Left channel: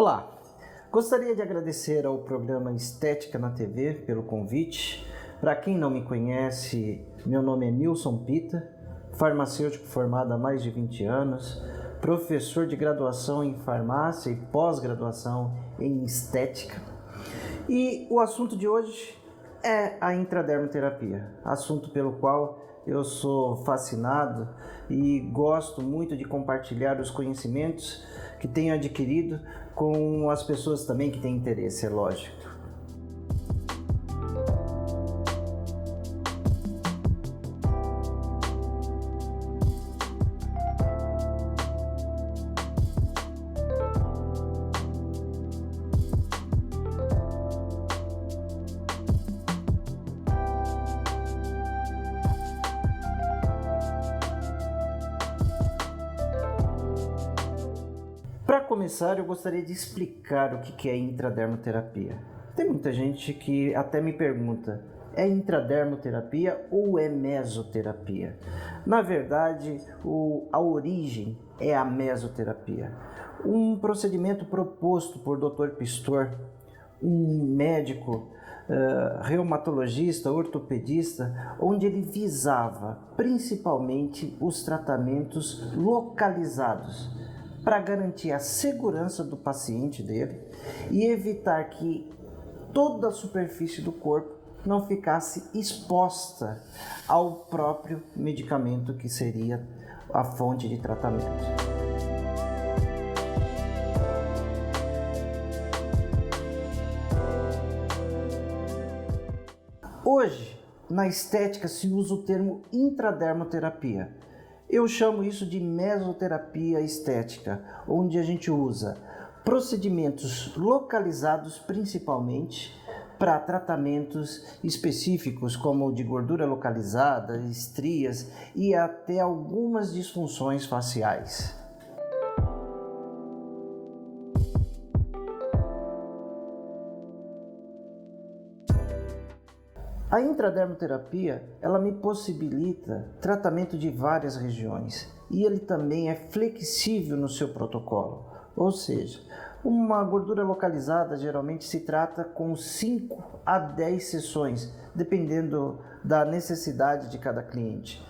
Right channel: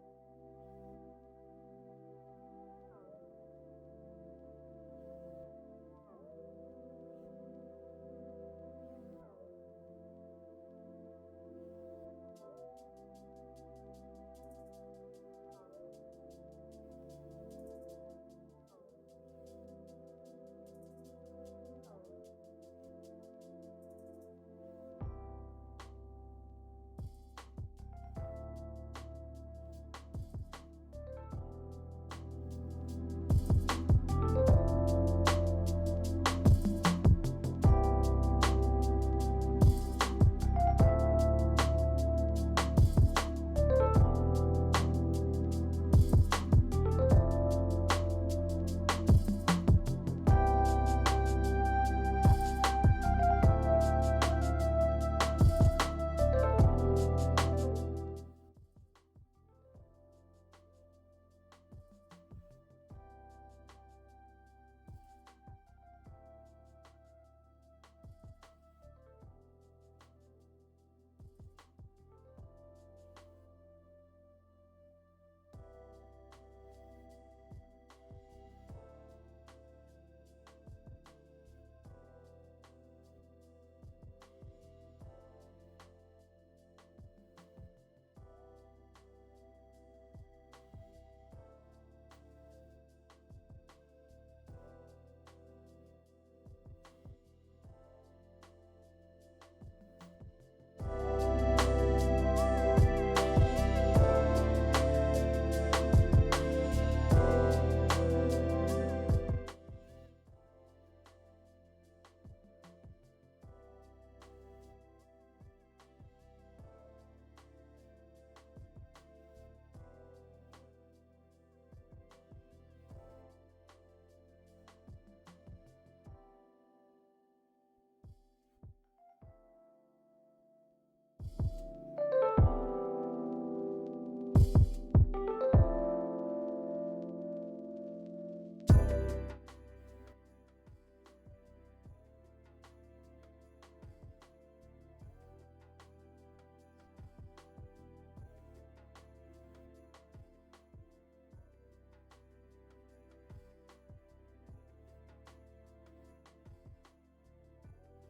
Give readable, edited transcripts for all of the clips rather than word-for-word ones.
Olá, gostaria de agradecer ao programa Estética na TV pelo convite. Para quem não me conhece, meu nome é Nilson Pita, farmacêutico formado há mais de 20 anos, professor de graduação em farmácia e pós-graduação em estética. E o assunto de hoje é a intradermoterapia, assunto pelo qual eu sou fascinado e gosto muito de compartilhar os conhecimentos que tenho adquirido com as pessoas também que têm interesse, é lógico. Para começar, eu gostaria de explicar o que é intradermoterapia. Tem muita gente que até me pergunta, é intradermoterapia ou é mesoterapia? Na verdade, a origem é a mesoterapia. Um procedimento proposto por Dr. Pistor, um médico reumatologista, ortopedista, onde ele visava principalmente os tratamentos localizados, para garantir a segurança do paciente dele e evitar que toda a superfície do corpo não ficasse exposta ao próprio medicamento que seria a fonte de tratamento. Hoje, na estética se usa o termo intradermoterapia. Eu chamo isso de mesoterapia estética, onde a gente usa procedimentos localizados principalmente para tratamentos específicos como o de gordura localizada, estrias e até algumas disfunções faciais. A intradermoterapia, ela me possibilita tratamento de várias regiões e ele também é flexível no seu protocolo, ou seja, uma gordura localizada geralmente se trata com 5 a 10 sessões, dependendo da necessidade de cada cliente.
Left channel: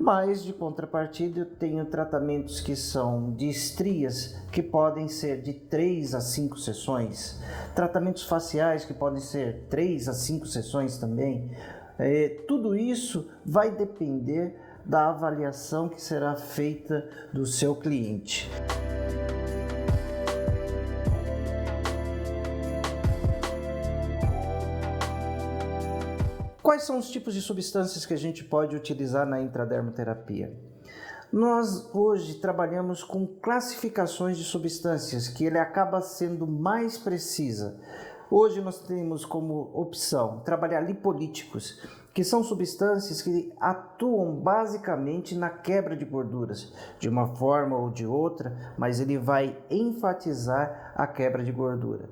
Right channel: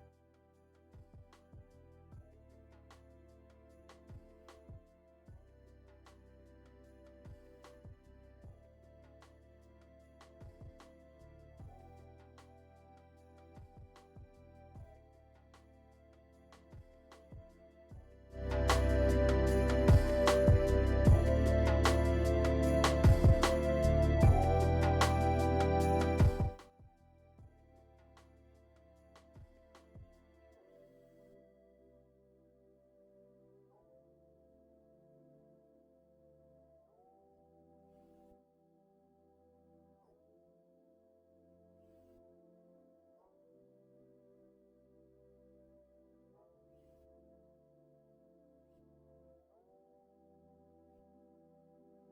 Mas, de contrapartida, eu tenho tratamentos que são de estrias, que podem ser de 3 a 5 sessões. Tratamentos faciais, que podem ser 3 a 5 sessões também. Tudo isso vai depender da avaliação que será feita do seu cliente. Quais são os tipos de substâncias que a gente pode utilizar na intradermoterapia? Nós hoje trabalhamos com classificações de substâncias que ele acaba sendo mais precisa. Hoje nós temos como opção trabalhar lipolíticos, que são substâncias que atuam basicamente na quebra de gorduras, de uma forma ou de outra, mas ele vai enfatizar a quebra de gordura.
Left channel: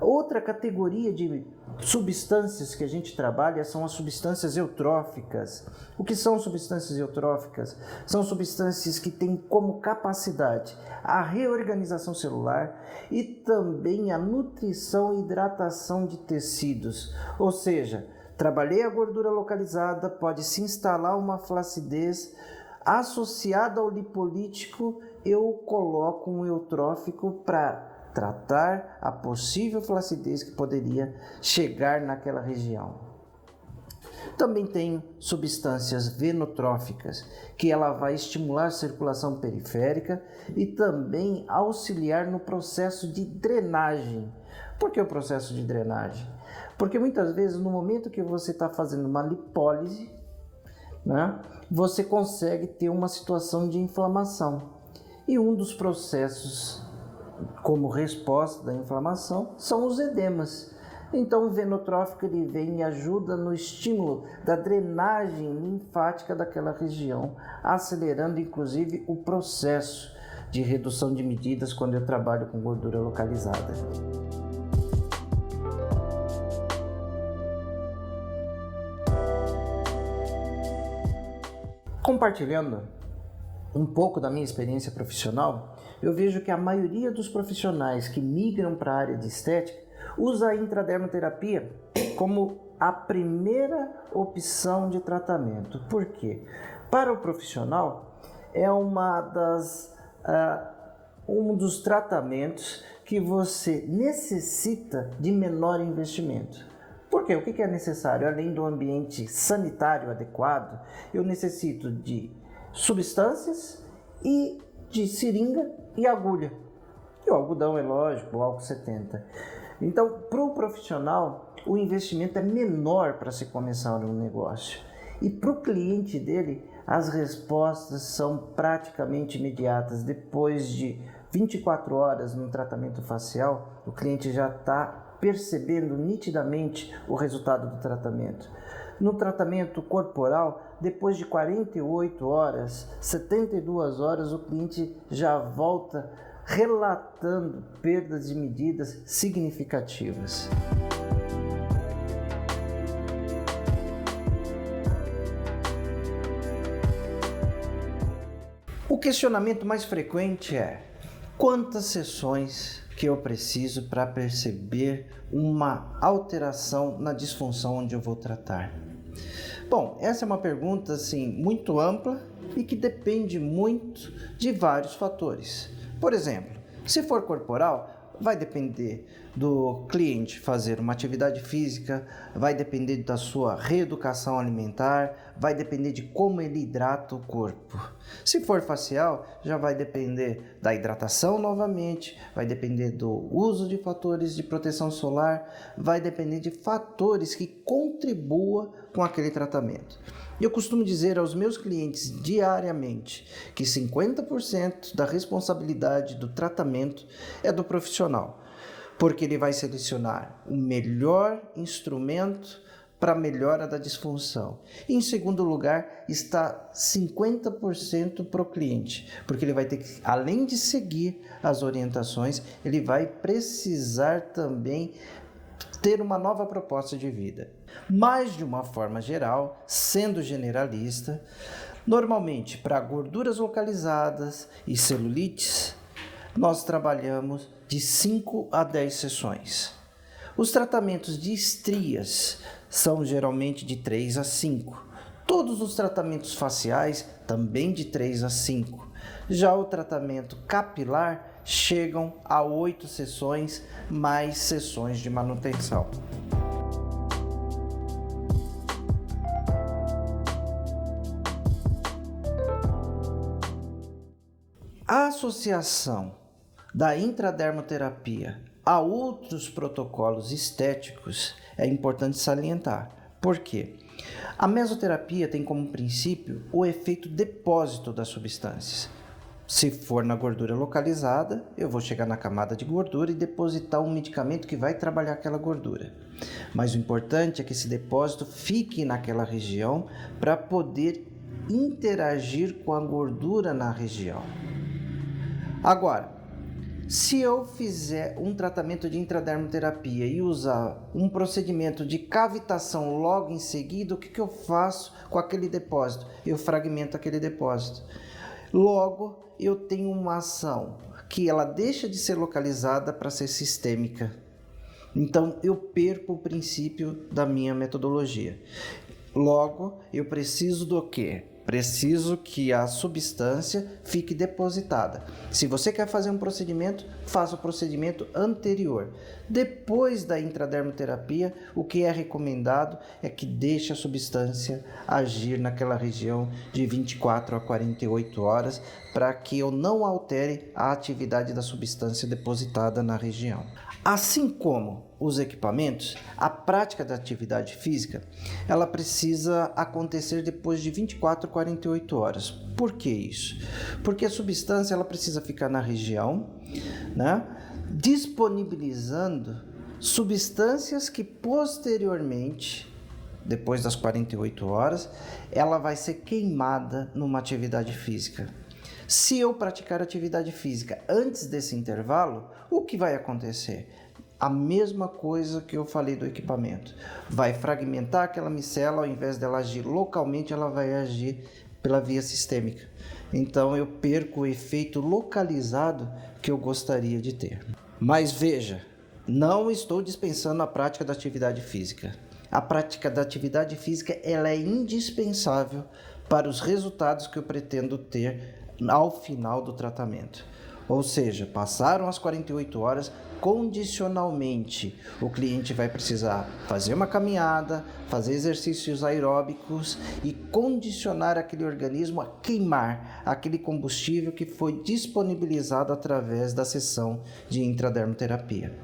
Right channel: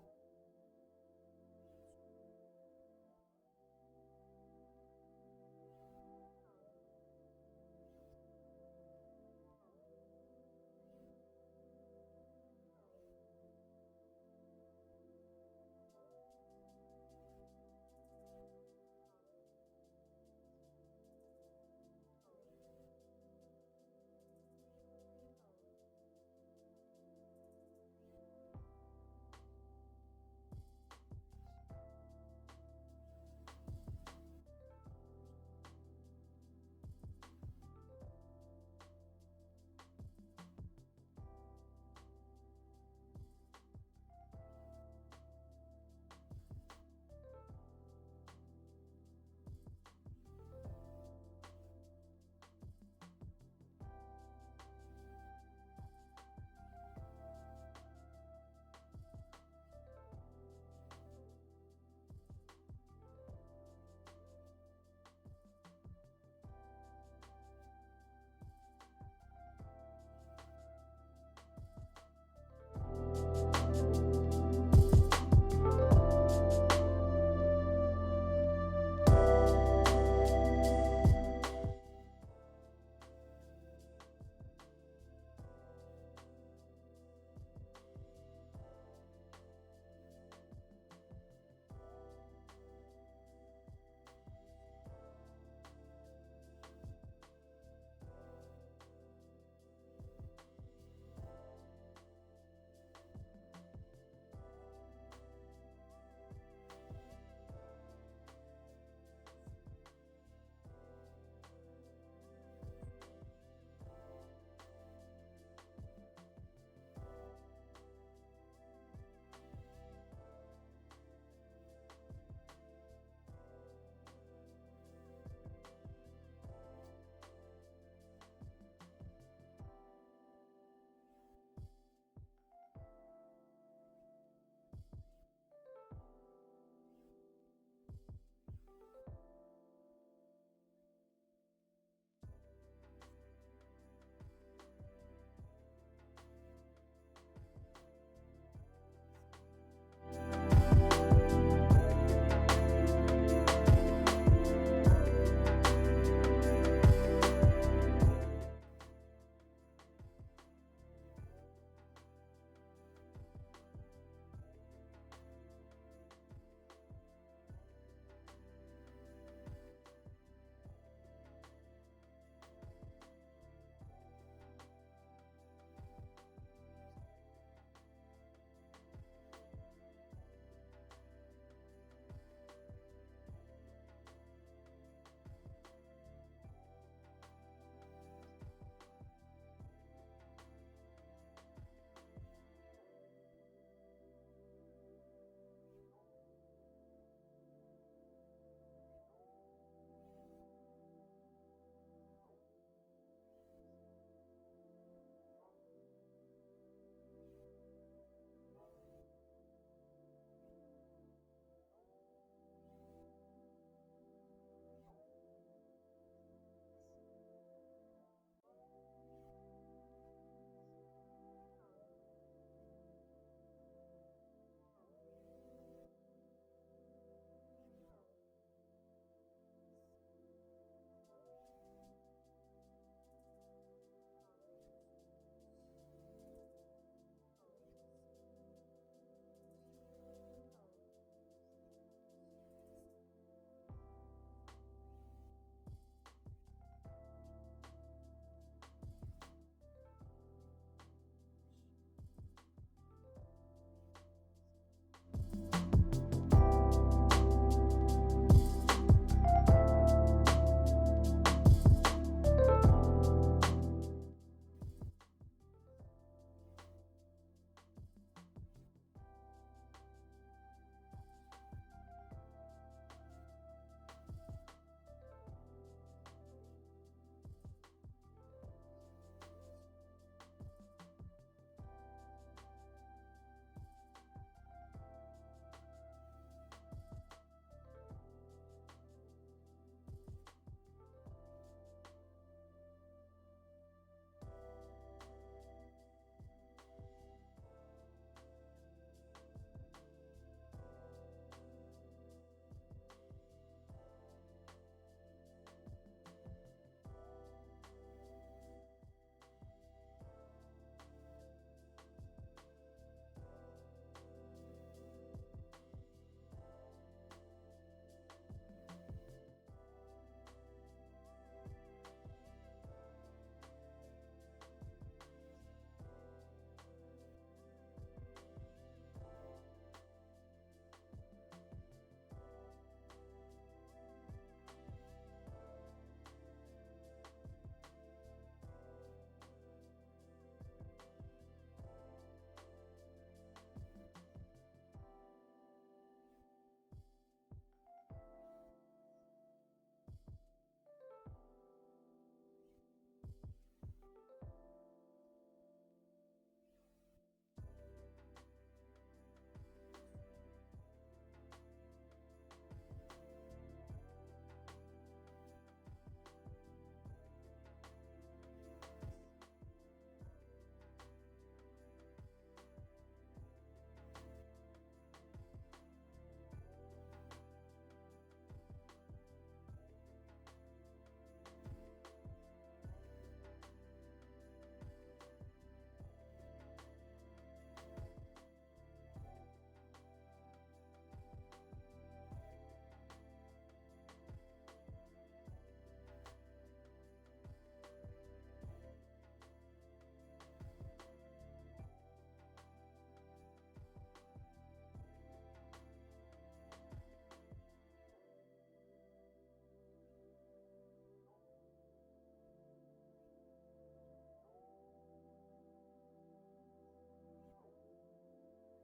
Outra categoria de substâncias que a gente trabalha são as substâncias eutróficas. O que são substâncias eutróficas? São substâncias que têm como capacidade a reorganização celular e também a nutrição e hidratação de tecidos. Ou seja, trabalhei a gordura localizada, pode se instalar uma flacidez associada ao lipolítico, eu coloco um eutrófico para tratar a possível flacidez que poderia chegar naquela região. Também tem substâncias venotróficas, que ela vai estimular a circulação periférica e também auxiliar no processo de drenagem. Por que o processo de drenagem? Porque muitas vezes no momento que você está fazendo uma lipólise, você consegue ter uma situação de inflamação. E um dos processos como resposta da inflamação são os edemas. Então o venotrófico ele vem e ajuda no estímulo da drenagem linfática daquela região, acelerando inclusive o processo de redução de medidas quando eu trabalho com gordura localizada. Compartilhando um pouco da minha experiência profissional, eu vejo que a maioria dos profissionais que migram para a área de estética usa a intradermoterapia como a primeira opção de tratamento. Por quê? Para o profissional, é um dos tratamentos que você necessita de menor investimento. Por quê? O que é necessário? Além do ambiente sanitário adequado, eu necessito de substâncias e de seringa e agulha. E o algodão é lógico, o álcool 70. Então, para o profissional, o investimento é menor para se começar um negócio. E para o cliente dele, as respostas são praticamente imediatas. Depois de 24 horas no tratamento facial, o cliente já está percebendo nitidamente o resultado do tratamento. No tratamento corporal, depois de 48 horas, 72 horas, o cliente já volta relatando perdas de medidas significativas. O questionamento mais frequente é: quantas sessões que eu preciso para perceber uma alteração na disfunção onde eu vou tratar? Bom, essa é uma pergunta assim, muito ampla e que depende muito de vários fatores. Por exemplo, se for corporal, vai depender do cliente fazer uma atividade física, vai depender da sua reeducação alimentar, vai depender de como ele hidrata o corpo. Se for facial, já vai depender da hidratação novamente, vai depender do uso de fatores de proteção solar, vai depender de fatores que contribuam com aquele tratamento. Eu costumo dizer aos meus clientes diariamente que 50% da responsabilidade do tratamento é do profissional, porque ele vai selecionar o melhor instrumento para a melhora da disfunção. E, em segundo lugar, está 50% para o cliente, porque ele vai ter que, além de seguir as orientações, ele vai precisar também ter uma nova proposta de vida. Mas, de uma forma geral, sendo generalista, normalmente para gorduras localizadas e celulites, nós trabalhamos de 5 a 10 sessões. Os tratamentos de estrias são geralmente de 3 a 5. Todos os tratamentos faciais também de 3 a 5. Já o tratamento capilar chegam a 8 sessões, mais sessões de manutenção. A associação da intradermoterapia a outros protocolos estéticos é importante salientar. Por quê? A mesoterapia tem como princípio o efeito depósito das substâncias. Se for na gordura localizada, eu vou chegar na camada de gordura e depositar um medicamento que vai trabalhar aquela gordura. Mas o importante é que esse depósito fique naquela região para poder interagir com a gordura na região. Agora, se eu fizer um tratamento de intradermoterapia e usar um procedimento de cavitação logo em seguida, o que eu faço com aquele depósito? Eu fragmento aquele depósito. Logo, eu tenho uma ação que ela deixa de ser localizada para ser sistêmica. Então, eu perco o princípio da minha metodologia. Logo, eu preciso do quê? Preciso que a substância fique depositada. Se você quer fazer um procedimento, faça o procedimento anterior. Depois da intradermoterapia, o que é recomendado é que deixe a substância agir naquela região de 24 a 48 horas para que eu não altere a atividade da substância depositada na região. Assim como os equipamentos, a prática da atividade física, ela precisa acontecer depois de 24 a 48 horas. Por que isso? Porque a substância ela precisa ficar na região, né, disponibilizando substâncias que posteriormente, depois das 48 horas, ela vai ser queimada numa atividade física. Se eu praticar atividade física antes desse intervalo, o que vai acontecer? A mesma coisa que eu falei do equipamento. Vai fragmentar aquela micela, ao invés dela agir localmente, ela vai agir pela via sistêmica. então eu perco o efeito localizado que eu gostaria de ter. Mas veja, não estou dispensando a prática da atividade física. A prática da atividade física ela é indispensável para os resultados que eu pretendo ter ao final do tratamento. Ou seja, passaram as 48 horas, condicionalmente o cliente vai precisar fazer uma caminhada, fazer exercícios aeróbicos e condicionar aquele organismo a queimar aquele combustível que foi disponibilizado através da sessão de intradermoterapia.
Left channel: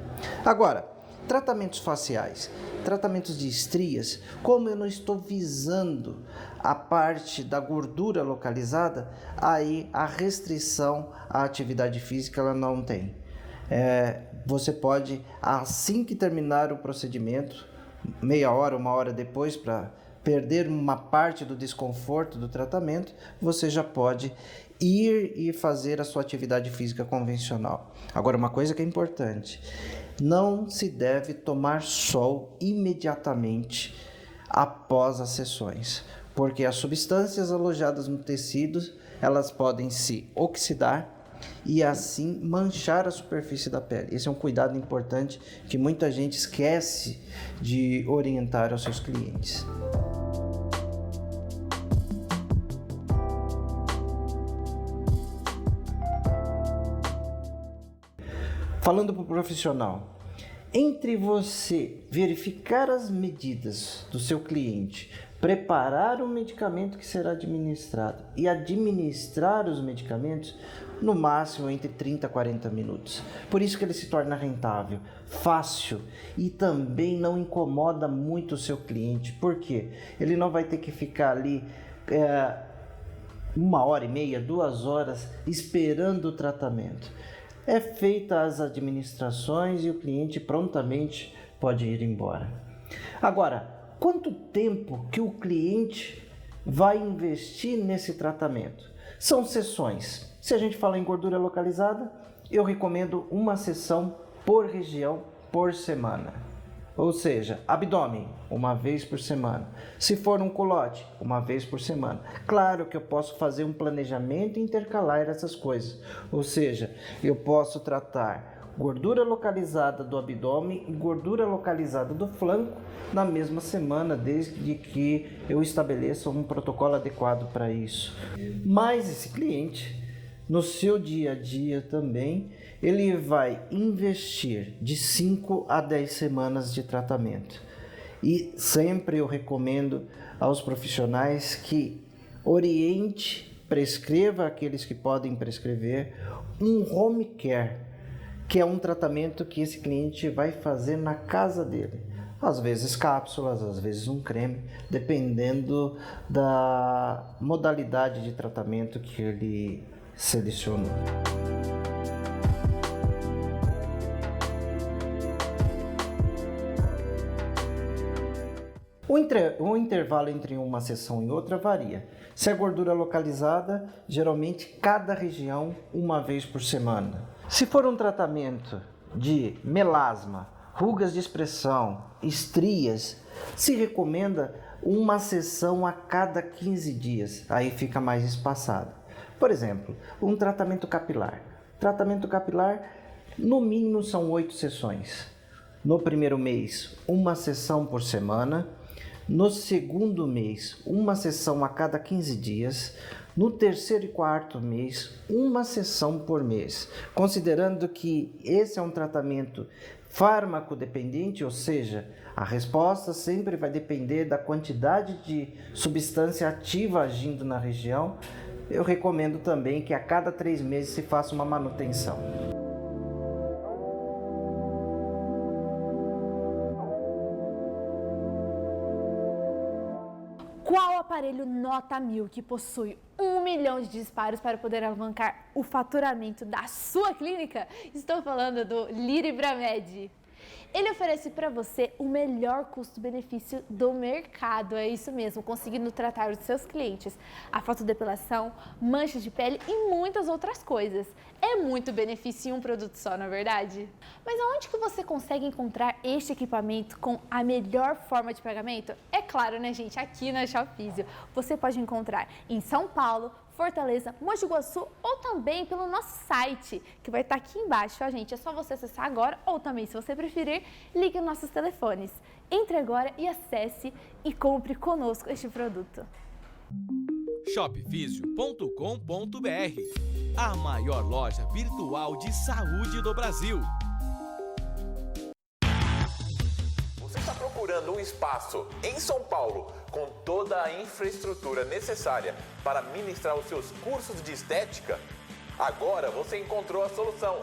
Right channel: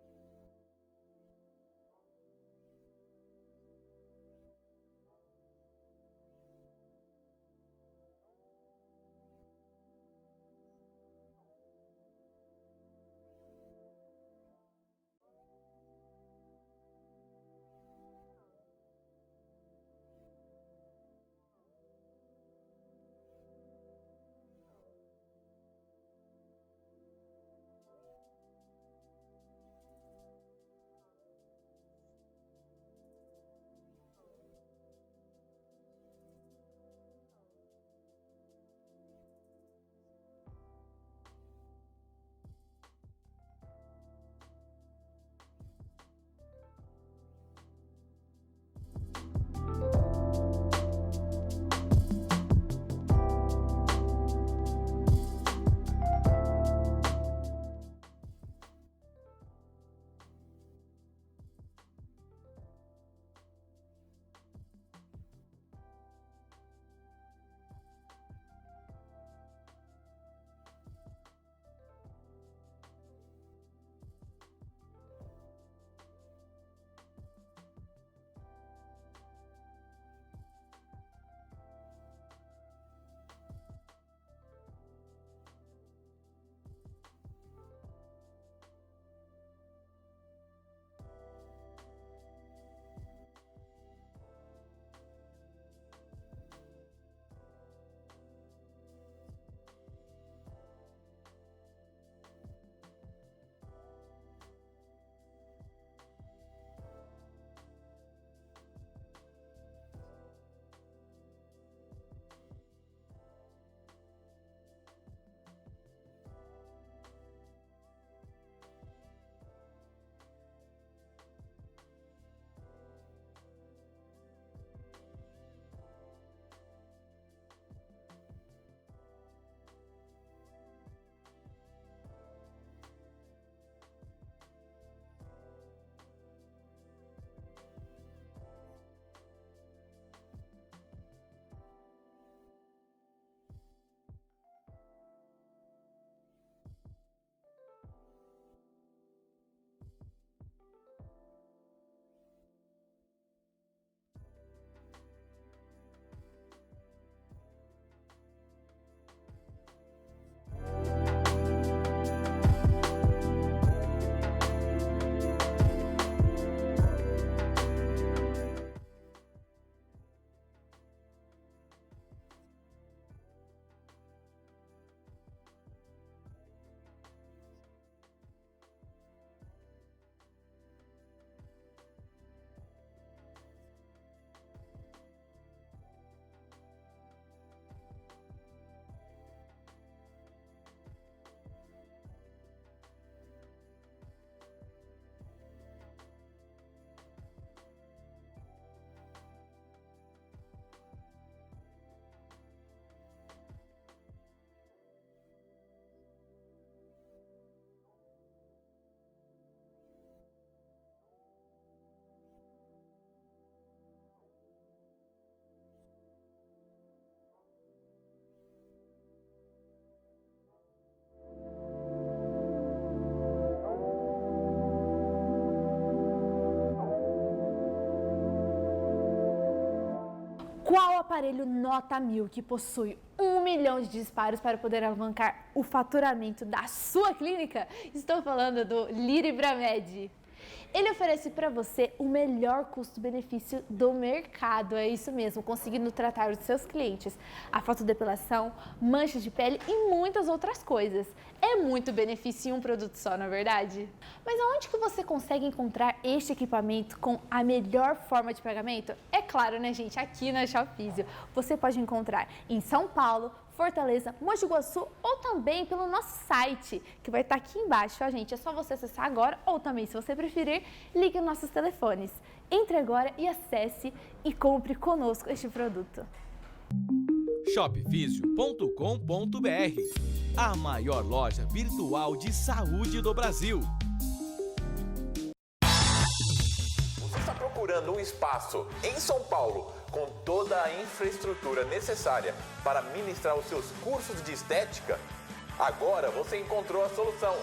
Agora, tratamentos faciais, tratamentos de estrias, como eu não estou visando a parte da gordura localizada, aí a restrição à atividade física ela não tem. Você pode, assim que terminar o procedimento, meia hora, uma hora depois, para perder uma parte do desconforto do tratamento, você já pode ir e fazer a sua atividade física convencional. Agora, uma coisa que é importante, não se deve tomar sol imediatamente após as sessões, porque as substâncias alojadas no tecido, elas podem se oxidar e assim manchar a superfície da pele. Esse é um cuidado importante que muita gente esquece de orientar aos seus clientes. Falando para o profissional, entre você verificar as medidas do seu cliente, preparar o medicamento que será administrado e administrar os medicamentos, no máximo entre 30 a 40 minutos. Por isso que ele se torna rentável, fácil e também não incomoda muito o seu cliente. Por quê? Ele não vai ter que ficar ali 1h30, 2 horas esperando o tratamento. É feita as administrações e o cliente prontamente pode ir embora. Agora, quanto tempo que o cliente vai investir nesse tratamento? São sessões. Se a gente fala em gordura localizada, eu recomendo uma sessão por região por semana. Ou seja, abdômen, uma vez por semana. Se for um culote, uma vez por semana. Claro que eu posso fazer um planejamento e intercalar essas coisas. Ou seja, eu posso tratar gordura localizada do abdômen e gordura localizada do flanco na mesma semana, desde que eu estabeleça um protocolo adequado para isso. Mas esse cliente, no seu dia a dia também, ele vai investir de 5 a 10 semanas de tratamento. E sempre eu recomendo aos profissionais que oriente, prescreva aqueles que podem prescrever um home care, que é um tratamento que esse cliente vai fazer na casa dele. Às vezes cápsulas, às vezes um creme, dependendo da modalidade de tratamento que ele selecionou. O intervalo entre uma sessão e outra varia. Se é gordura localizada, geralmente cada região uma vez por semana. Se for um tratamento de melasma, rugas de expressão, estrias, se recomenda uma sessão a cada 15 dias, aí fica mais espaçado. Por exemplo, um tratamento capilar. Tratamento capilar, no mínimo são 8 sessões. No primeiro mês, uma sessão por semana. No segundo mês, uma sessão a cada 15 dias. No terceiro e quarto mês, uma sessão por mês. Considerando que esse é um tratamento farmacodependente, ou seja, a resposta sempre vai depender da quantidade de substância ativa agindo na região, eu recomendo também que a cada 3 meses se faça uma manutenção. Qual aparelho nota 1000 que possui 1 milhão de disparos para poder alavancar o faturamento da sua clínica? Estou falando do Liribramed. Ele oferece para você o melhor custo-benefício do mercado, é isso mesmo, conseguindo tratar os seus clientes, a fotodepilação, manchas de pele e muitas outras coisas. É muito benefício em um produto só, não é verdade? Mas aonde que você consegue encontrar este equipamento com a melhor forma de pagamento? É claro, né, gente? Aqui na Shop Físio. Você pode encontrar em São Paulo, Fortaleza, Mogi Guaçu ou também pelo nosso site, que vai estar aqui embaixo, gente. É só você acessar agora ou também, se você preferir, ligue nos nossos telefones. Entre agora e acesse e compre conosco este produto. shopfisio.com.br, a maior loja virtual de saúde do Brasil. Você está procurando um espaço em São Paulo com toda a infraestrutura necessária para ministrar os seus cursos de estética? Agora você encontrou a solução.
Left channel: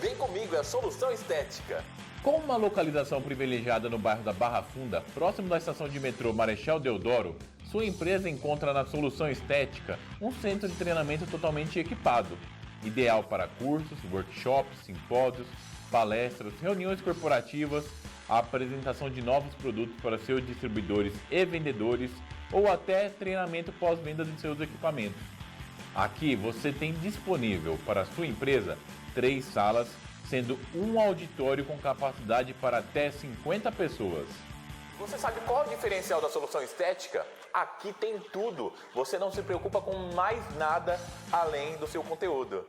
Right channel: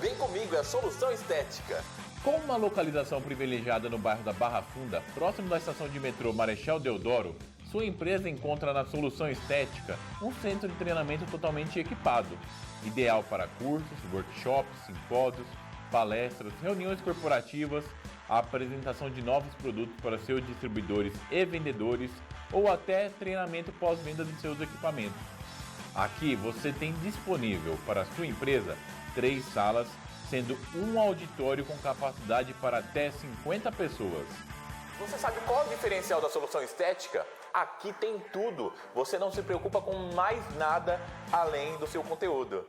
Vem comigo, é a Solução Estética. Com uma localização privilegiada no bairro da Barra Funda, próximo da estação de metrô Marechal Deodoro, sua empresa encontra na Solução Estética um centro de treinamento totalmente equipado, ideal para cursos, workshops, simpósios, palestras, reuniões corporativas, a apresentação de novos produtos para seus distribuidores e vendedores ou até treinamento pós-venda de seus equipamentos. Aqui você tem disponível para a sua empresa 3 salas, sendo um auditório com capacidade para até 50 pessoas. Você sabe qual é o diferencial da Solução Estética? Aqui tem tudo. Você não se preocupa com mais nada além do seu conteúdo.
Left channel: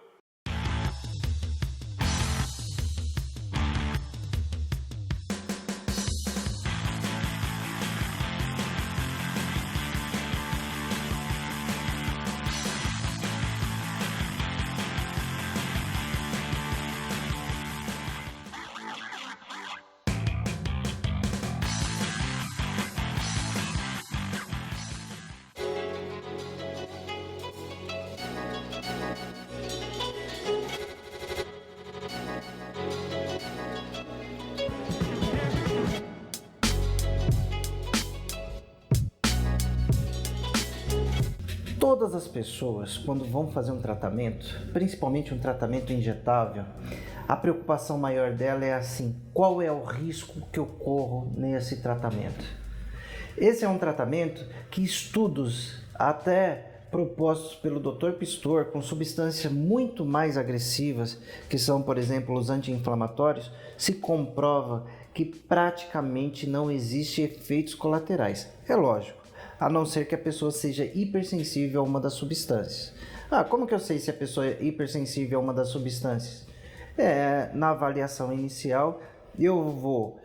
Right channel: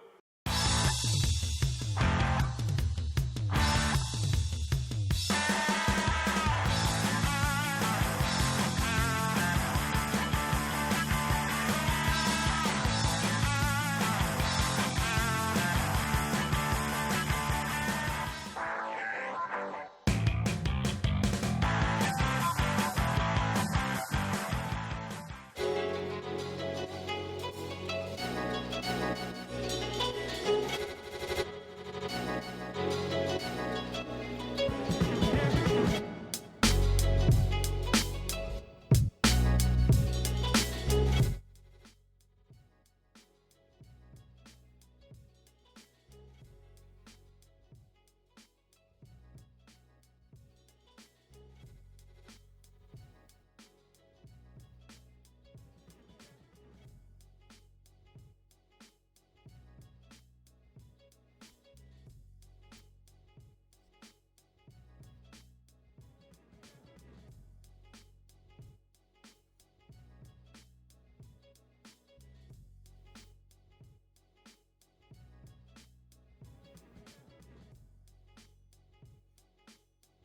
Todas as pessoas, quando vão fazer um tratamento, principalmente um tratamento injetável, a preocupação maior dela é assim: qual é o risco que eu corro nesse tratamento? Esse é um tratamento que estudos até propostos pelo Dr. Pistor com substâncias muito mais agressivas, que são, por exemplo, os anti-inflamatórios, se comprova que praticamente não existe efeitos colaterais. É lógico, a não ser que a pessoa seja hipersensível a uma das substâncias. Como que eu sei se a pessoa é hipersensível a uma das substâncias? Na avaliação inicial, eu vou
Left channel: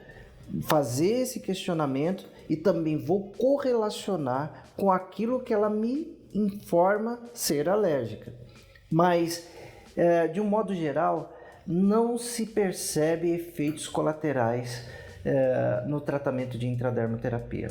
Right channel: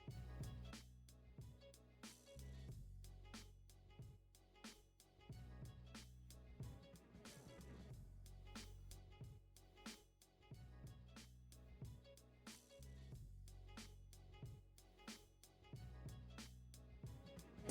fazer esse questionamento e também vou correlacionar com aquilo que ela me informa ser alérgica. Mas, de um modo geral, não se percebe efeitos colaterais no tratamento de intradermoterapia.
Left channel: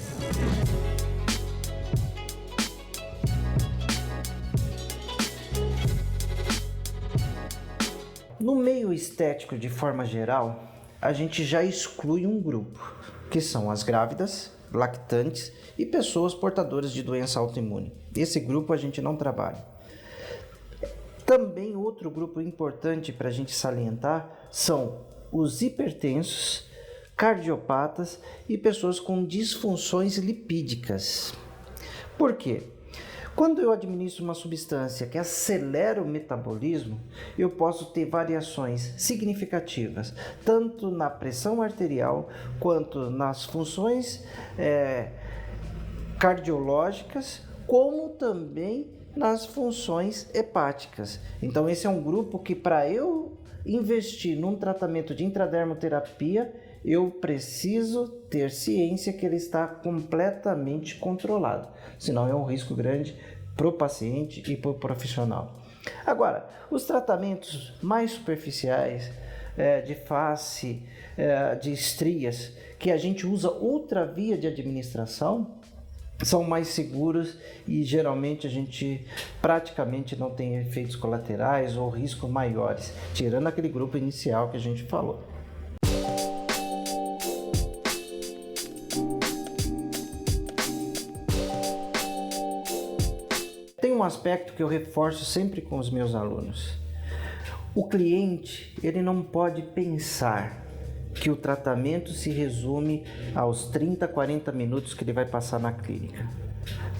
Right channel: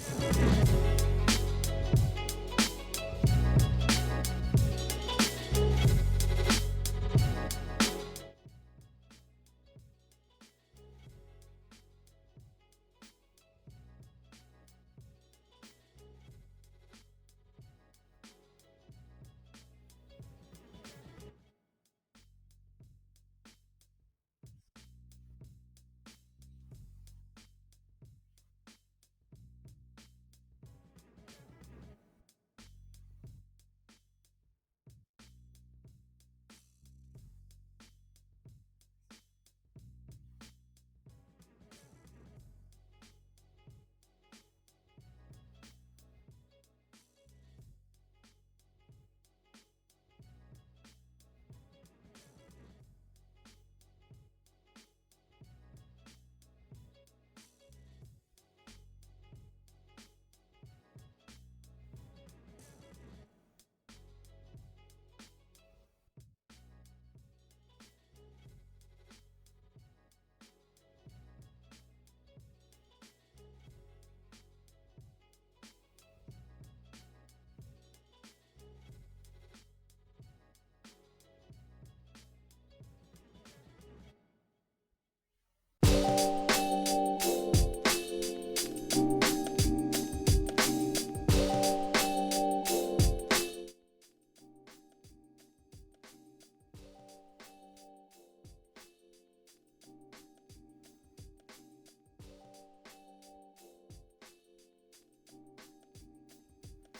No meio estético, de forma geral, a gente já exclui um grupo, que são as grávidas, lactantes e pessoas portadoras de doença autoimune. Esse grupo a gente não trabalha. Também outro grupo importante para a gente salientar são os hipertensos, cardiopatas e pessoas com disfunções lipídicas. Por quê? Quando eu administro uma substância que acelera o metabolismo, eu posso ter variações significativas, tanto na pressão arterial, quanto nas funções cardiológicas, como também nas funções hepáticas. Então esse é um grupo que, para eu investir num tratamento de intradermoterapia, eu preciso ter ciência que ele está completamente controlado, senão é um risco grande para o paciente e para o profissional. Agora, os tratamentos mais superficiais, de face, de estrias, que a gente usa outra via de administração, são mais seguros e geralmente a gente praticamente não tem efeitos colaterais ou riscos maiores, tirando aquele grupo inicial que a gente falou. Tem um aspecto que eu reforço sempre com os meus alunos. O cliente, ele não pode pensar que o tratamento se resume aos 30, 40 minutos que ele vai passar na clínica.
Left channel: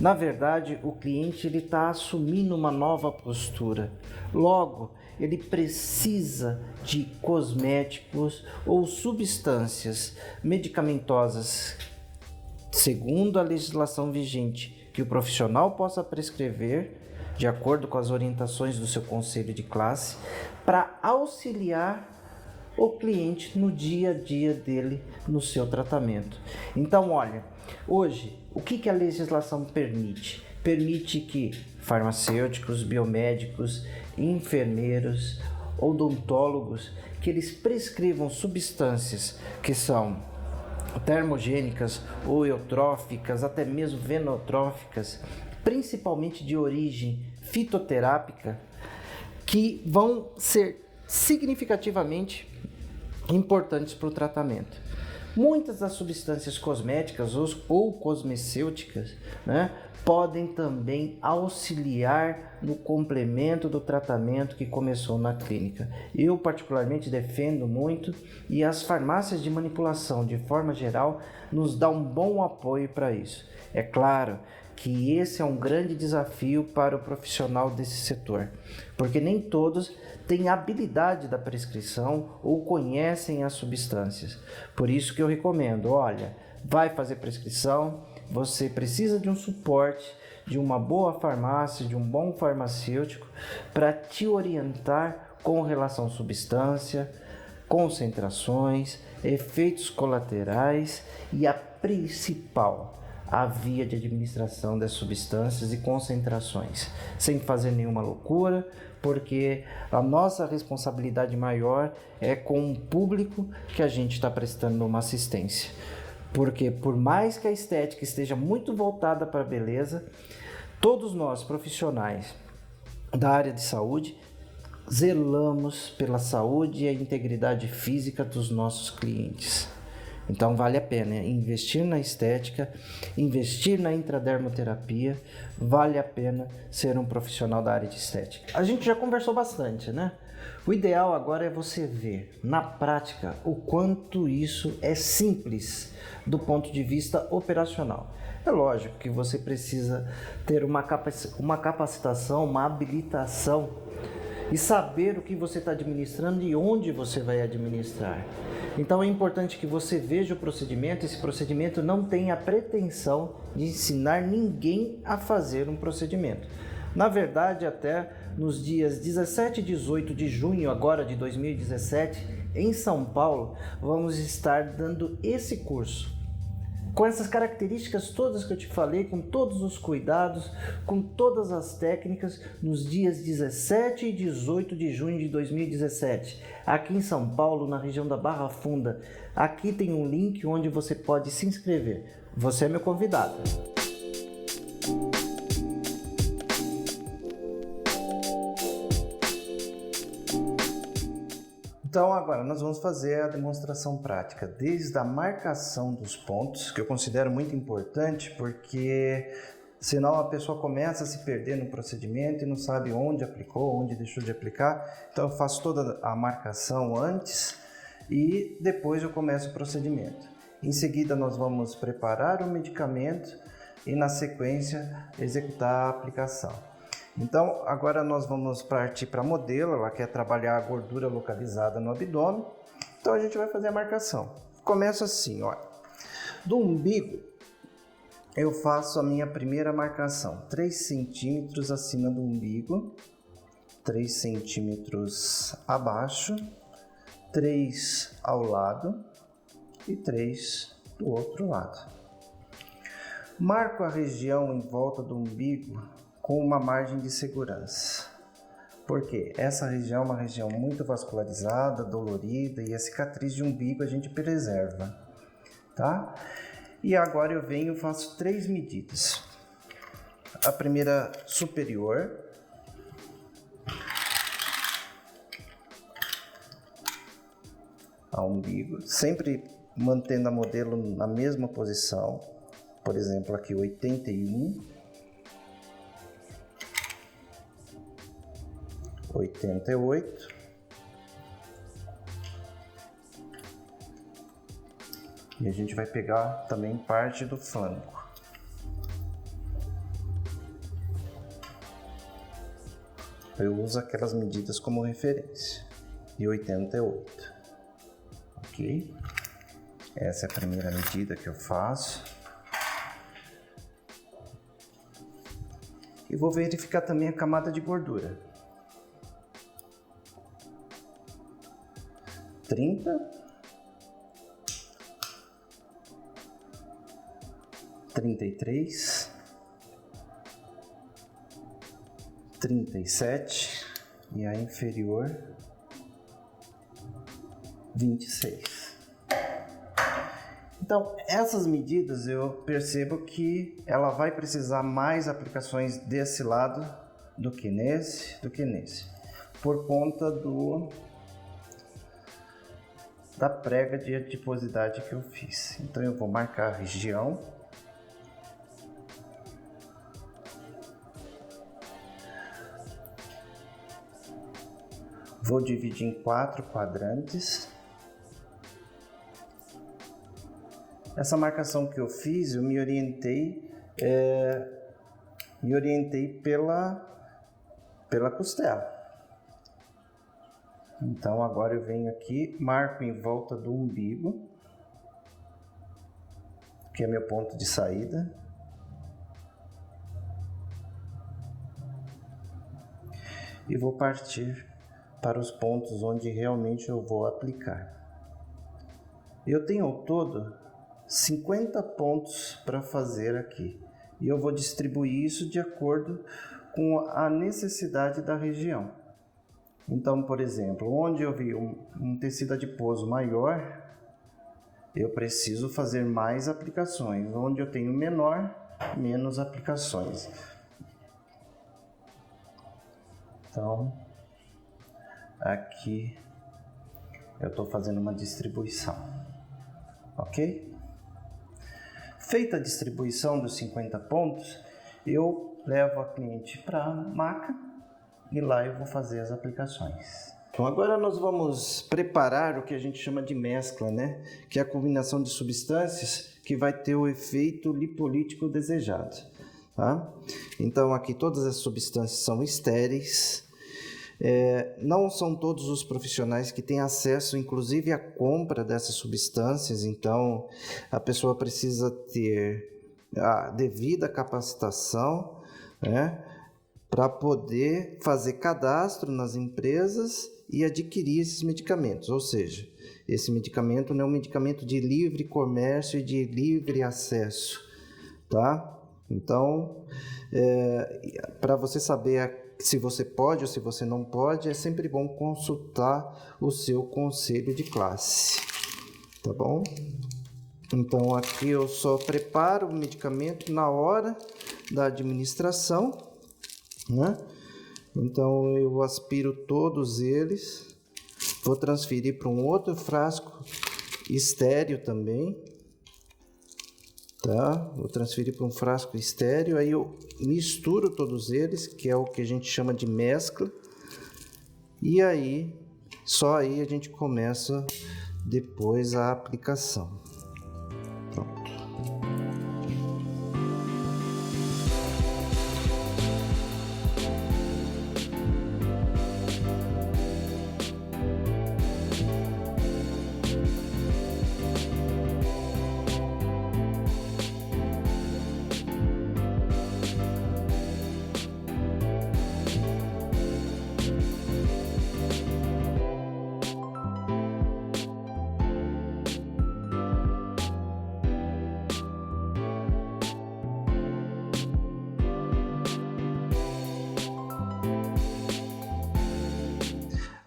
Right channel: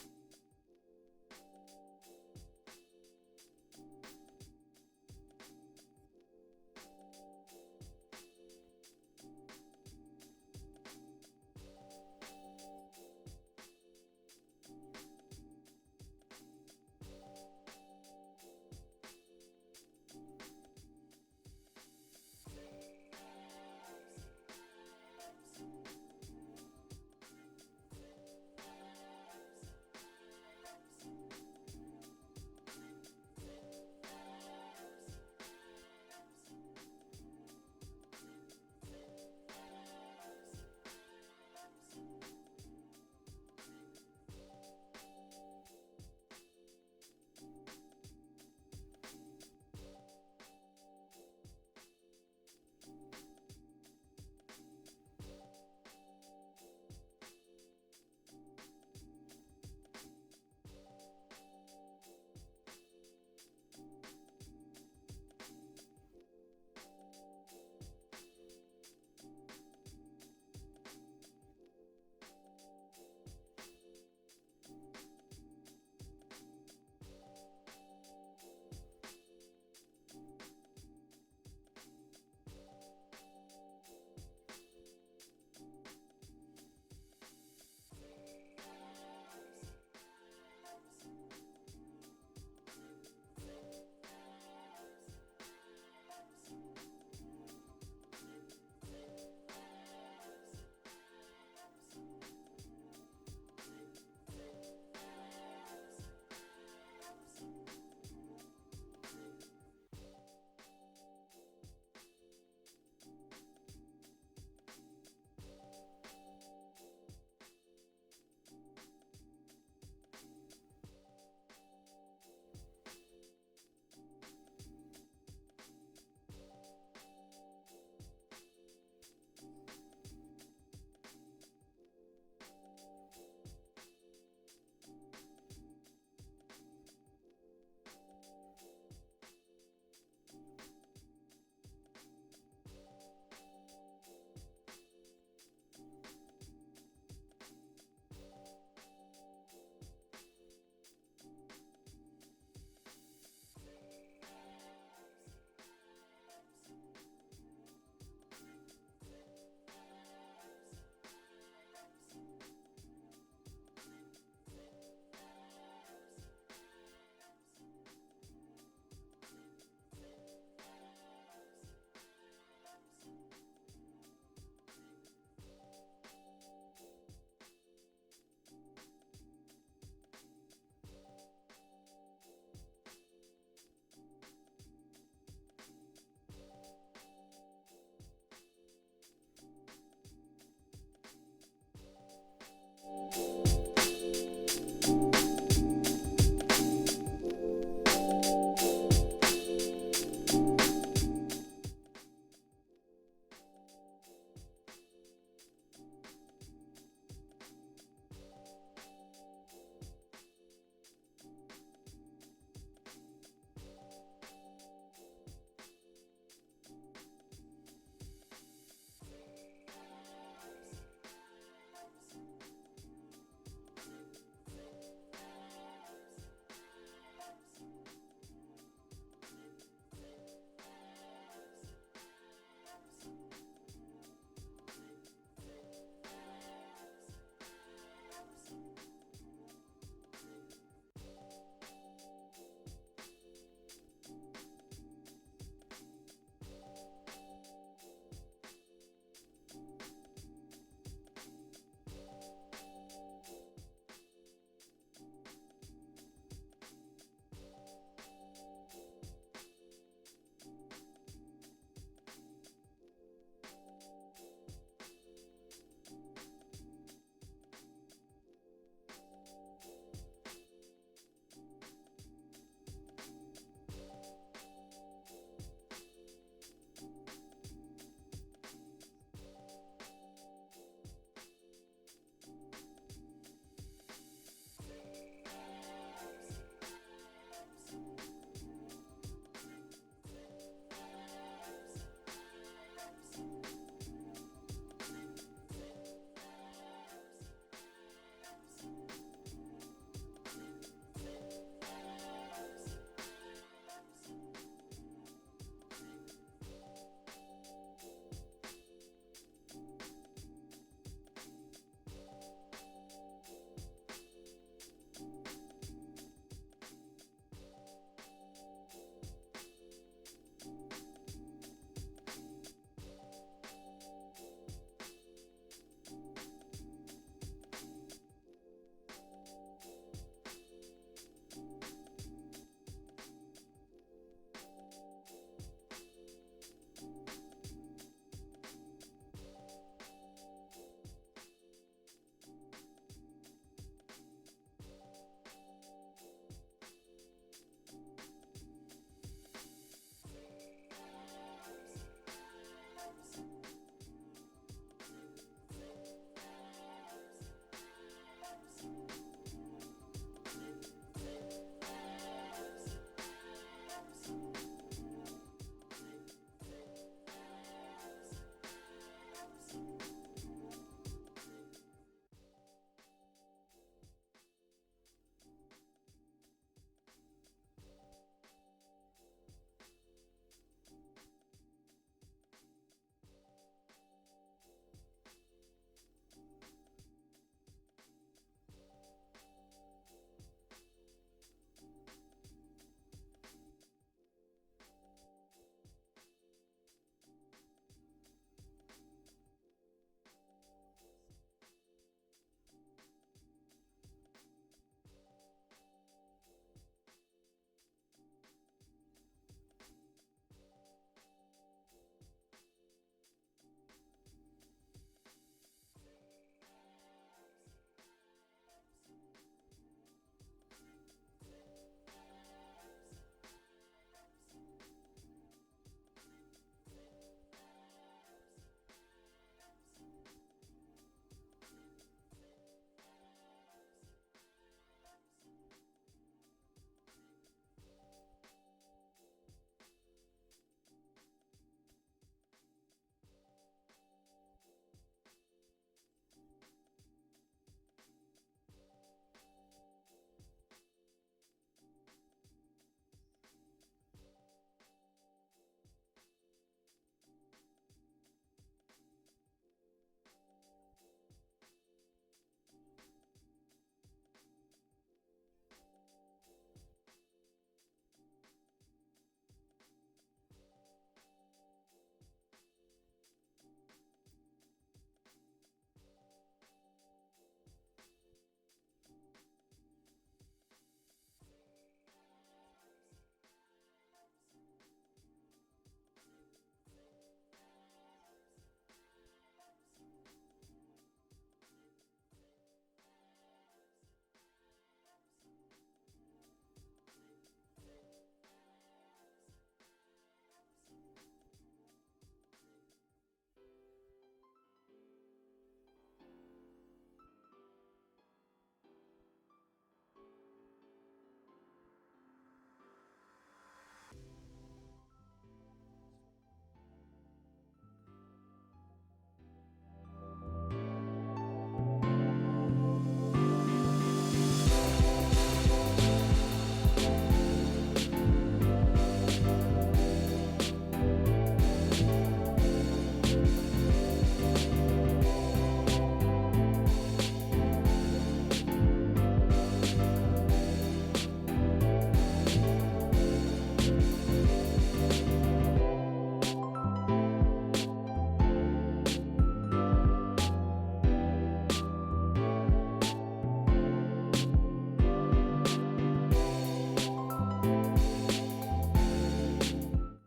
Na verdade, o cliente está assumindo uma nova postura. Logo, ele precisa de cosméticos ou substâncias medicamentosas, segundo a legislação vigente, que o profissional possa prescrever de acordo com as orientações do seu conselho de classe, para auxiliar o cliente no dia a dia dele, no seu tratamento. Então, olha, hoje, o que a legislação permite? Permite que farmacêuticos, biomédicos, enfermeiros, odontólogos, que eles prescrevam substâncias que são termogênicas ou eutróficas, até mesmo venotróficas, principalmente de origem fitoterápica, que vão ser significativamente importantes para o tratamento. Muitas das substâncias cosméticas ou cosmecêuticas, né, podem também auxiliar no complemento do tratamento que começou na clínica. Eu particularmente defendo muito, e as farmácias de manipulação, de forma geral, nos dão um bom apoio para isso. É claro que esse é um grande desafio para o profissional desse setor, porque nem todos têm habilidade da prescrição ou conhecem as substâncias. Por isso que eu recomendo, olha, vai fazer prescrição, você precisa de um suporte, de uma boa farmácia, de um bom farmacêutico para te orientar com relação à substância, concentrações, efeitos colaterais e a principal, a via de administração das substâncias e concentrações, sem fazer nenhuma loucura, porque a nossa responsabilidade maior é com o público que a gente está prestando uma assistência. Porque por mais que a estética esteja muito voltada para a beleza, todos nós profissionais da área de saúde zelamos pela saúde e a integridade física dos nossos clientes. Então vale a pena investir na estética, investir na intradermoterapia, vale a pena ser um profissional da área de estética. A gente já conversou bastante, né? O ideal agora é você ver na prática o quanto isso é simples do ponto de vista operacional. É lógico que você precisa ter uma capacitação, uma habilitação e saber o que você está administrando e onde você vai administrar. Então é importante que você veja o procedimento. Esse procedimento não tem a pretensão de ensinar ninguém a fazer um procedimento. Na verdade, até nos dias 17 e 18 de junho agora de 2017, em São Paulo, vamos estar dando esse curso. Com essas características todas que eu te falei, com todos os cuidados, com todas as técnicas, nos dias 17 e 18 de junho de 2017, aqui em São Paulo, na região da Barra Funda. Aqui tem um link onde você pode se inscrever. Você é meu convidado. Então agora nós vamos fazer a demonstração prática, desde a marcação dos pontos, que eu considero muito importante, porque senão a pessoa começa a se perder no procedimento e não sabe onde aplicou, onde deixou de aplicar. Então eu faço toda a marcação antes e depois eu começo o procedimento. Em seguida nós vamos preparar o medicamento e na sequência executar a aplicação. Então, agora nós vamos partir para a modelo, ela quer trabalhar a gordura localizada no abdômen, então a gente vai fazer a marcação. Começa assim, olha, do umbigo eu faço a minha primeira marcação, 3 centímetros acima do umbigo, 3 centímetros abaixo, 3 ao lado e 3 do outro lado. Marco a região em volta do umbigo com uma margem de segurança, porque essa região é uma região muito vascularizada, dolorida, e a cicatriz de umbigo a gente preserva, tá? E agora eu venho e faço 3 medidas. A primeira superior, ao umbigo, sempre mantendo a modelo na mesma posição, por exemplo aqui 81, 88, e a gente vai pegar também parte do flanco. Eu uso aquelas medidas como referência, e 88, ok? Essa é a primeira medida que eu faço. E vou verificar também a camada de gordura. 30, 33, 37 e a inferior 26. Então, essas medidas eu percebo que ela vai precisar mais aplicações desse lado do que nesse, por conta da prega de adiposidade que eu fiz. Então eu vou marcar a região. Vou dividir em 4 quadrantes. Essa marcação que eu fiz, eu me orientei pela costela. Então agora eu venho aqui, marco em volta do umbigo, que é meu ponto de saída. E vou partir para os pontos onde realmente eu vou aplicar. Eu tenho ao todo 50 pontos para fazer aqui. E eu vou distribuir isso de acordo com a necessidade da região. Então, por exemplo, onde eu vi um tecido adiposo maior, eu preciso fazer mais aplicações. Onde eu tenho menor, menos aplicações. Então, aqui eu estou fazendo uma distribuição, ok? Feita a distribuição dos 50 pontos, eu levo a cliente para a maca e lá eu vou fazer as aplicações. Então agora nós vamos preparar o que a gente chama de mescla, né? Que é a combinação de substâncias que vai ter o efeito lipolítico desejado, tá? Então aqui todas as substâncias são estéreis. Não são todos os profissionais que têm acesso, inclusive, à compra dessas substâncias, então a pessoa precisa ter a devida capacitação, né, para poder fazer cadastro nas empresas e adquirir esses medicamentos. Ou seja, esse medicamento não é um medicamento de livre comércio e de livre acesso, tá? Então, para você saber se você pode ou se você não pode, é sempre bom consultar o seu conselho de classe, tá bom? Então aqui eu só preparo o medicamento na hora da administração, né? Então eu aspiro todos eles, vou transferir para um outro frasco estéreo também, tá? Vou transferir para um frasco estéreo, aí eu misturo todos eles, que é o que a gente chama de mescla, e aí só aí a gente começa depois a aplicação.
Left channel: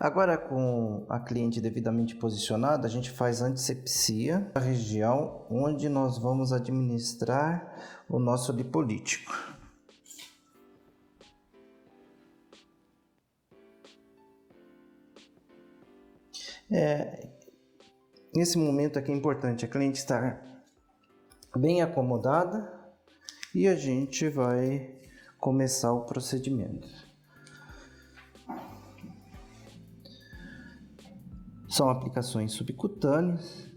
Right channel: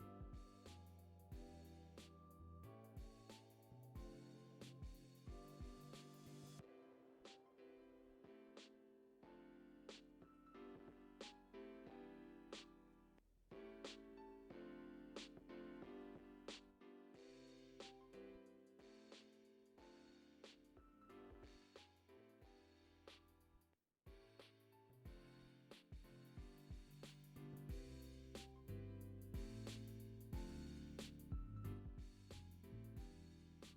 Agora, com a cliente devidamente posicionada, a gente faz antisepsia da região onde nós vamos administrar o nosso lipolítico. Nesse momento aqui é importante a cliente estar bem acomodada e a gente vai começar o procedimento. São aplicações subcutâneas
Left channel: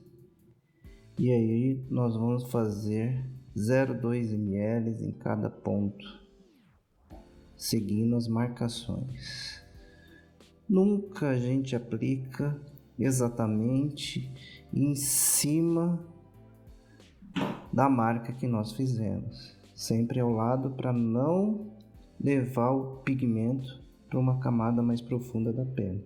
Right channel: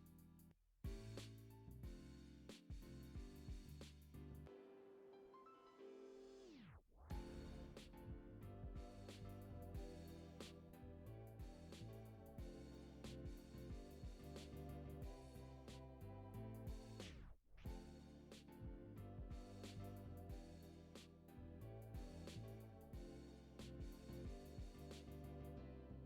e aí nós vamos fazer 0,2 ml em cada ponto, seguindo as marcações. Nunca a gente aplica exatamente em cima da marca que nós fizemos, sempre ao lado para não levar o pigmento para uma camada mais profunda da pele.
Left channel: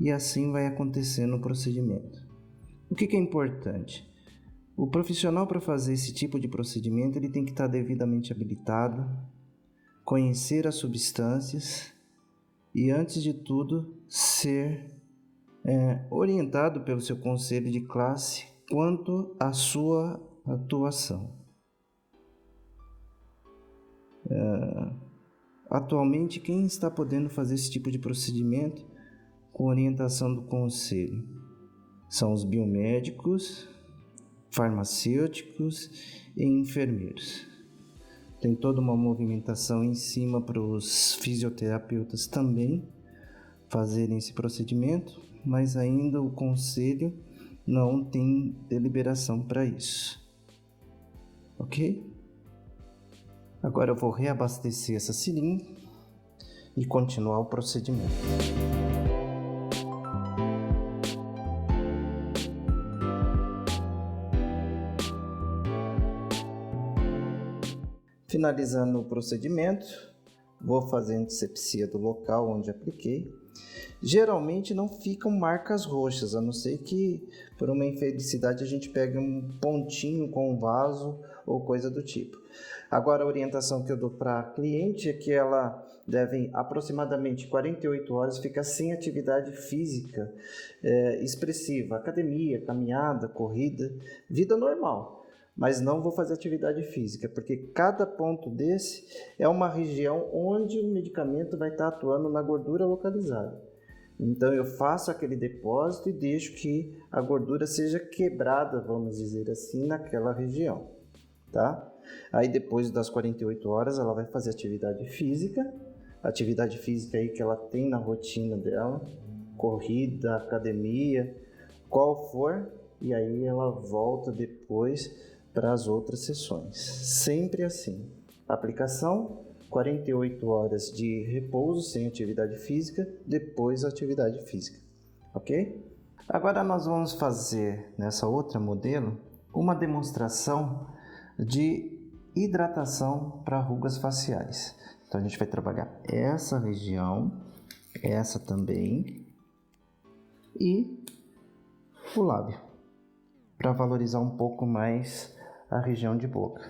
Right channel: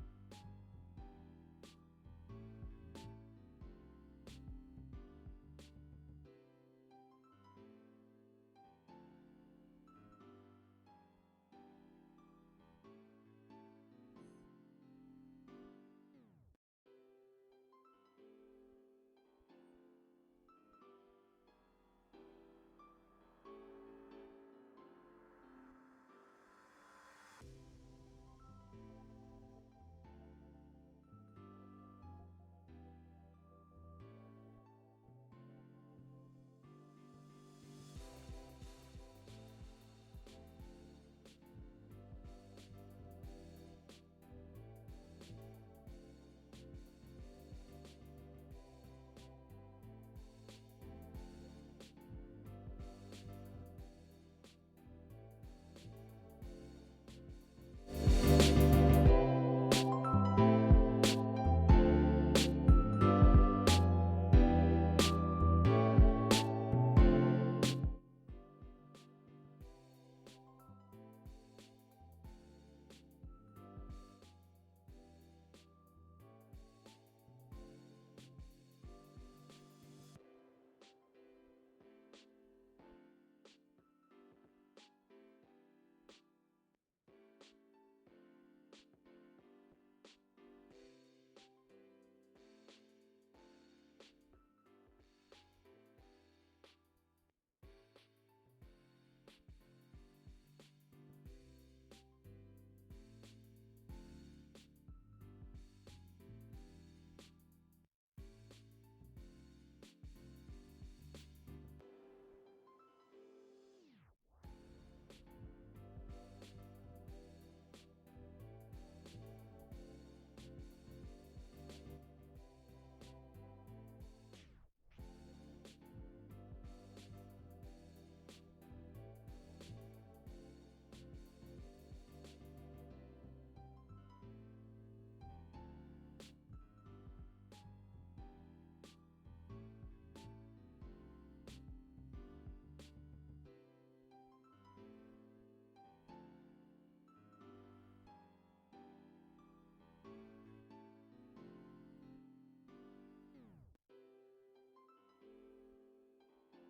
E assim vai acontecendo o procedimento. O que é importante? O profissional, para fazer esse tipo de procedimento, ele tem que estar devidamente habilitado, conhecer as substâncias e, antes de tudo, ser orientado pelo seu conselho de classe quanto à sua atuação. Atualmente, quem está podendo fazer esse tipo de procedimento com orientação do conselho são os biomédicos, farmacêuticos e enfermeiros. Tem toda uma movimentação em cima para os fisioterapeutas também fazerem esse procedimento, mas ainda o conselho não tem deliberação para isso. Ok? Agora eu vou reabastecer essa seringa e continuar o procedimento. Finalizando o procedimento, vou fazer a antisepsia do local onde apliquei. Geralmente não ficam marcas roxas, a não ser que por uma infelicidade a gente pegue um pontinho com um vaso ou coisa do tipo. Agora a orientação que eu dou para a cliente é que ela deve aproximadamente 48 horas ficar sem atividade física expressiva, academia, caminhada, corrida, vida normal. Mas não vou fazer atividade física, porque cada ponto desse é uma região onde o medicamento vai estar atuando na gordura localizada. Então eu faço aquele depósito e deixo que a gordura seja quebrada, vamos dizer assim, naquela região, tá? Aí depois das 48 horas ela vai fazer atividade física aí que ela tem na rotina dela, corrida, academia, qual for, e aí ela volta depois para as outras sessões. Sempre assim. Aplicação, 48 horas de repouso sem atividade física, depois atividade física. Ok? Agora nós vamos fazer nessa outra modelo uma demonstração de hidratação para rugas faciais. Então a gente vai trabalhar essa região, essa também e o lábio, para valorizar um pouco mais a região de boca.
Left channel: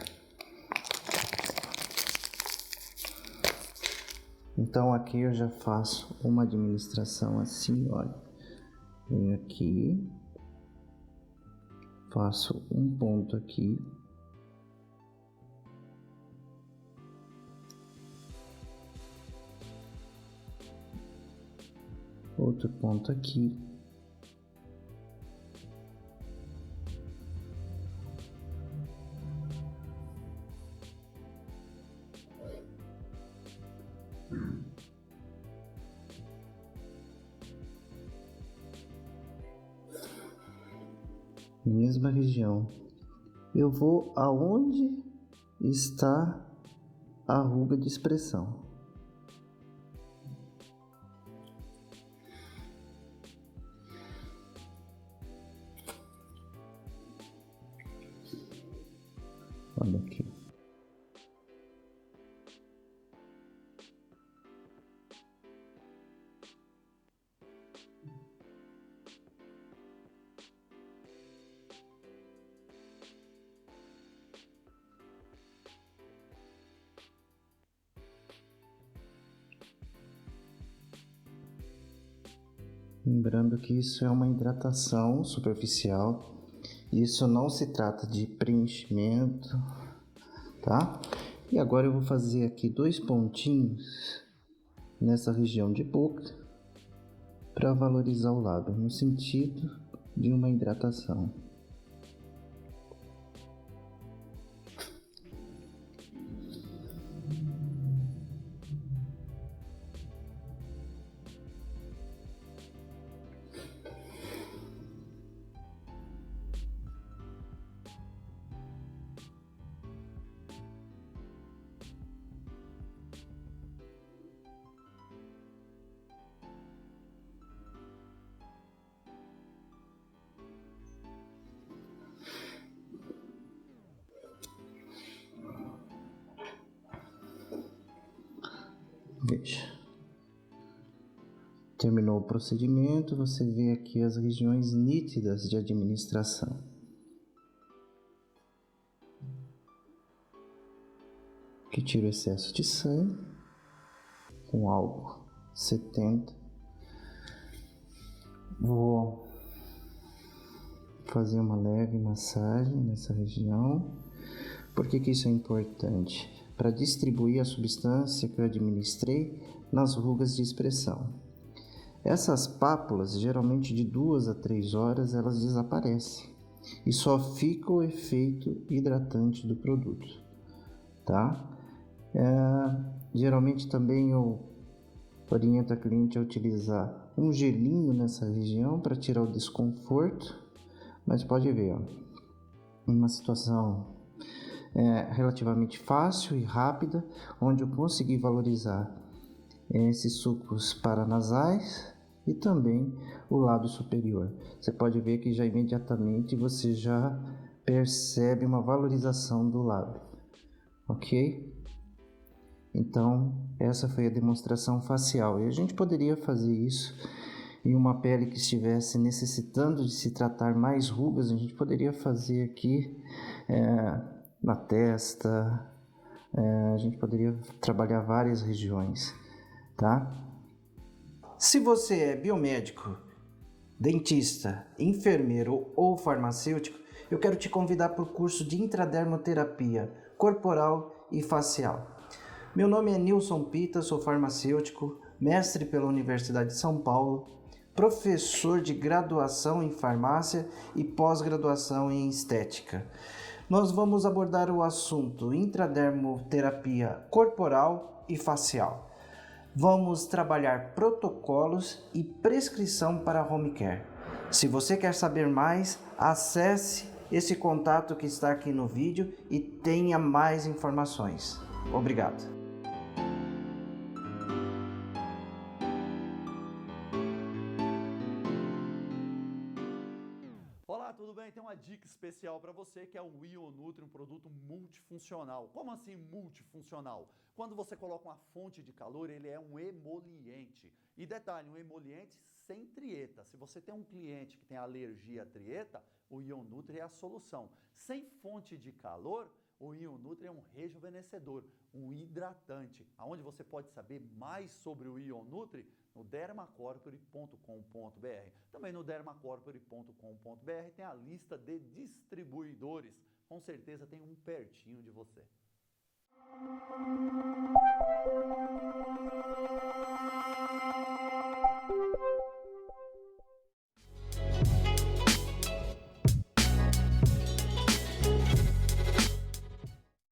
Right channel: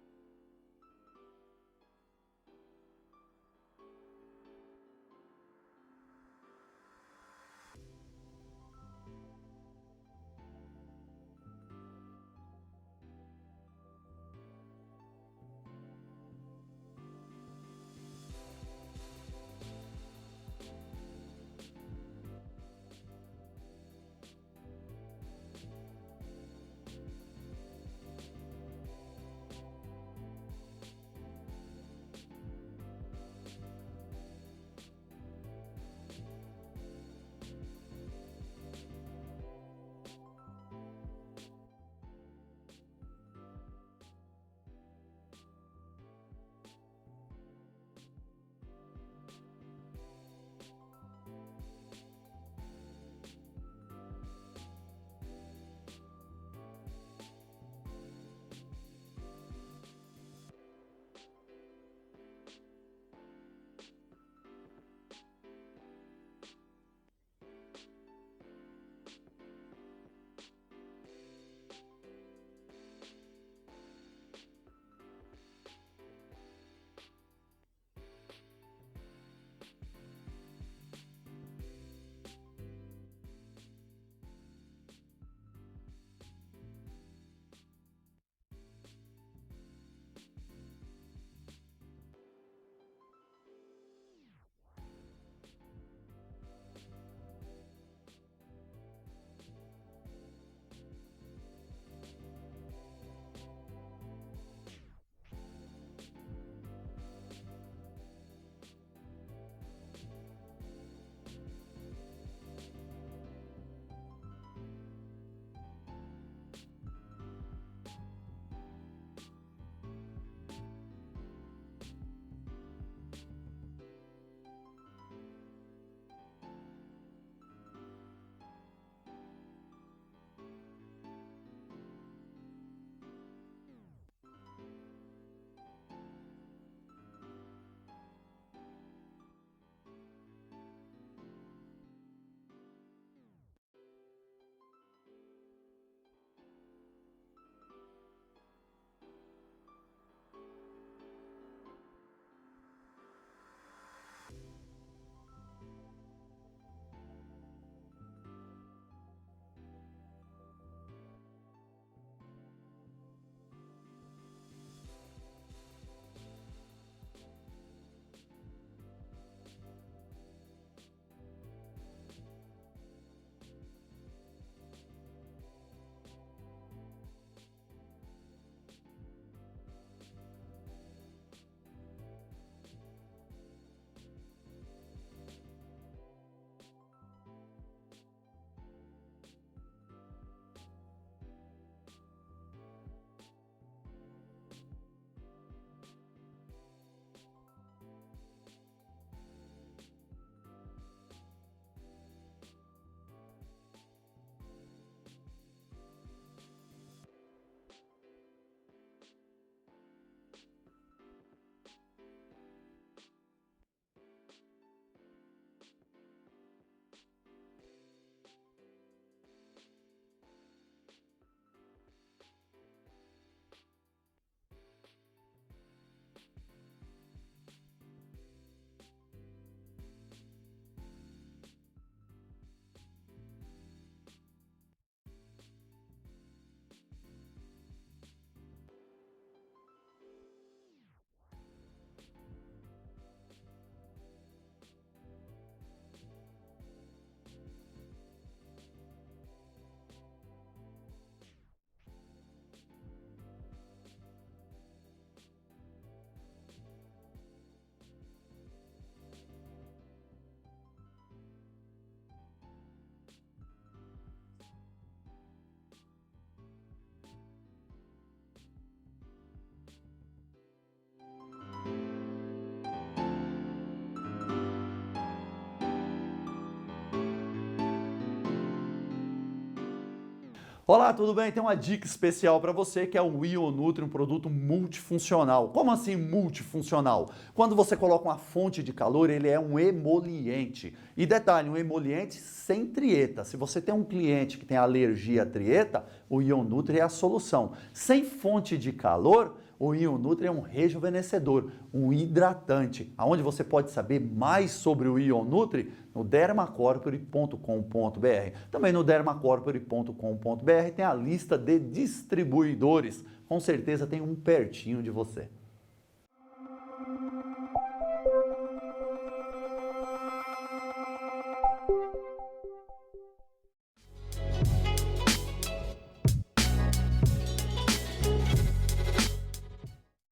Então aqui eu já faço uma administração assim, olha. Venho aqui, faço um ponto aqui, outro ponto aqui, mesma região. Eu vou aonde está a ruga de expressão. Olha aqui. Lembrando que isso é uma hidratação superficial, isso não se trata de preenchimento, tá? E agora eu vou fazer aqui 2 pontinhos nessa região de boca para valorizar o lábio, no sentido de uma hidratação. Veja. Terminou o procedimento, você vê aqui as regiões nítidas de administração. Aqui tira o excesso de sangue com álcool 70. Vou fazer uma leve massagem nessa região. Por que isso é importante? Para distribuir a substância que eu administrei nas rugas de expressão. Essas pápulas, geralmente de 2 a 3 horas, elas desaparecem e só fica o efeito hidratante do produto, tá? Geralmente também eu oriento a cliente a utilizar um gelinho nessa região para tirar o desconforto, mas pode ver, ó, uma situação relativamente fácil e rápida, onde eu consegui valorizar esses sucos paranasais e também o lábio superior. Você pode ver que já imediatamente você já percebe uma valorização do lábio, ok? Então, essa foi a demonstração facial. E a gente poderia fazer isso em uma pele que estivesse necessitando de se tratar mais rugas. A gente poderia fazer aqui na testa, a gente poderia trabalhar várias regiões, tá? Se você é biomédico, dentista, enfermeiro ou farmacêutico, eu quero te convidar para o curso de intradermoterapia corporal e facial. Meu nome é Nilson Pita, sou farmacêutico, mestre pela Universidade de São Paulo, professor de graduação em farmácia e pós-graduação em estética. Nós vamos abordar o assunto intradermoterapia corporal e facial. Vamos trabalhar protocolos e prescrição para home care. Se você quer saber mais, acesse esse contato que está aqui no vídeo e tenha mais informações. Obrigado. Olá, tudo bem? Tem uma dica especial para você que é o Ionutri, um produto multifuncional. Como assim multifuncional? Quando você coloca uma fonte de calor, ele é um emoliente. E detalhe, um emoliente sem trieta. Se você tem um cliente que tem alergia à trieta, o Ionutri é a solução. Sem fonte de calor, o Ionutri é um rejuvenescedor, um hidratante. Aonde você pode saber mais sobre o Ionutri? No dermacorpore.com.br. Também no dermacorpore.com.br tem a lista de distribuidores. Com certeza tem um pertinho de você.